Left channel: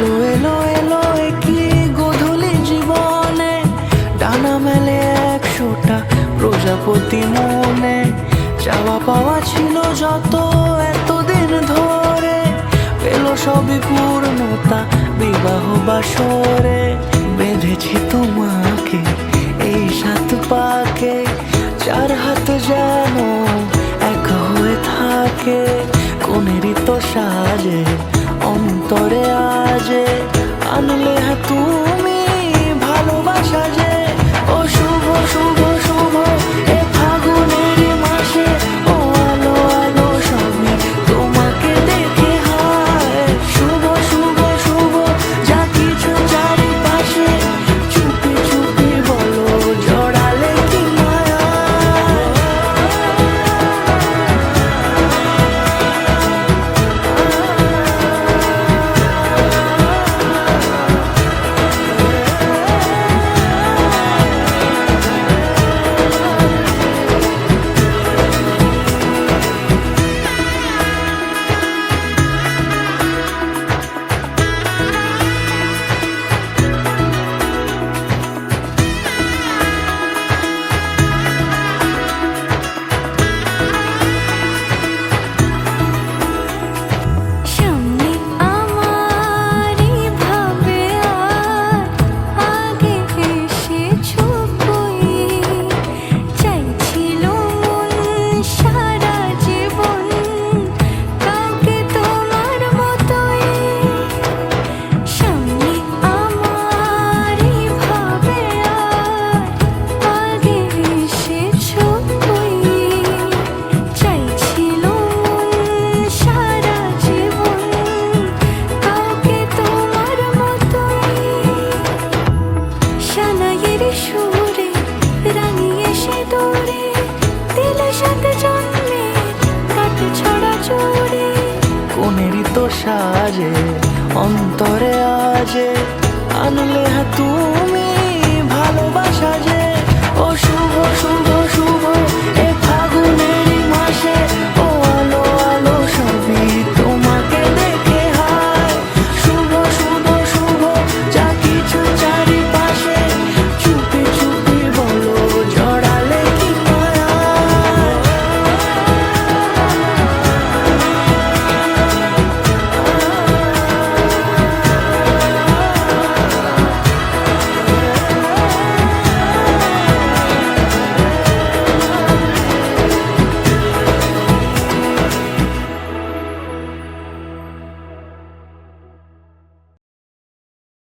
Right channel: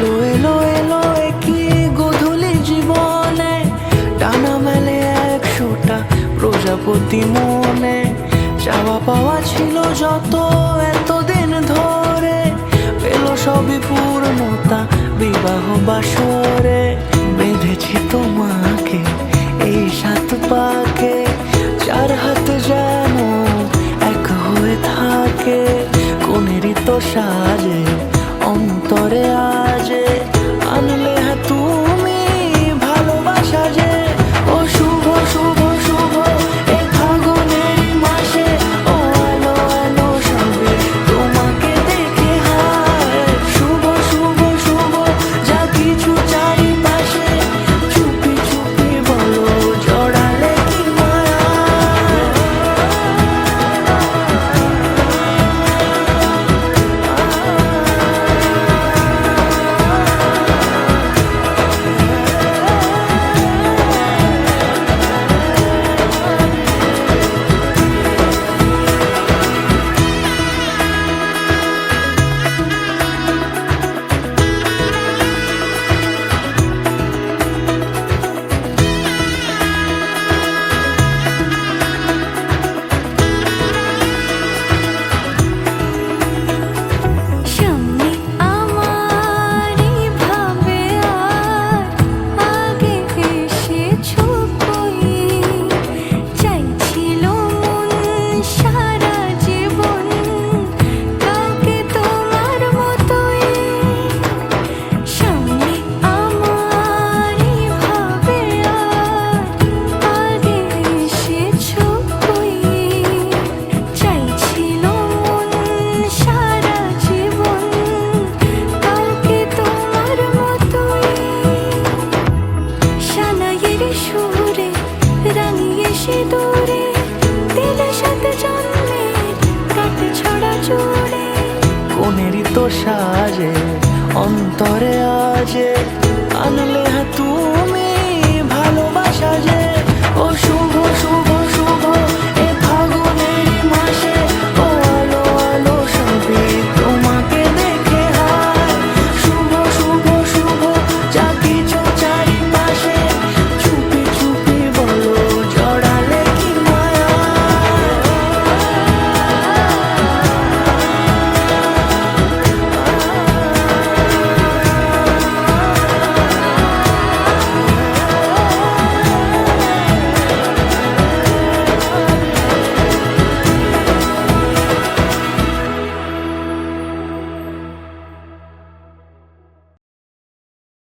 এলো এলো এলো কি গোধূলি জীবনে, ডানা মেলে 100টা প্রজাপতি মনে। চাওয়া পাওয়া ছিল যত এতদিন ধরে, পেল সবই পূর্ণতা বিবাহ বাসরে। বেঁধেছি তোমাকে এই 7 পাকে, 4 হাত যেন এক হয়ে থাকে। কোনেরই তো সাজে অন্তরে আজে, আনলে তুমি ভালোবাসা যে। ও শুভ শুভ শুভ এ ফাগুনেরই মাসে, ও আলো আলো সবই তোমাকে দেখে হায়। শুভ শুভ শুভ যা কিছু চারিপাশে, চুপি চুপি বলো জড়ালে কি মায়া। সুরে রাঙিয়ে সে দূরে, দিলে 7 জন্মের কাট ছড়া জোড়ে। কোনেরই তো সাজে অন্তরে আজে, আনলে তুমি ভালোবাসা যে। ও শুভ শুভ শুভ এ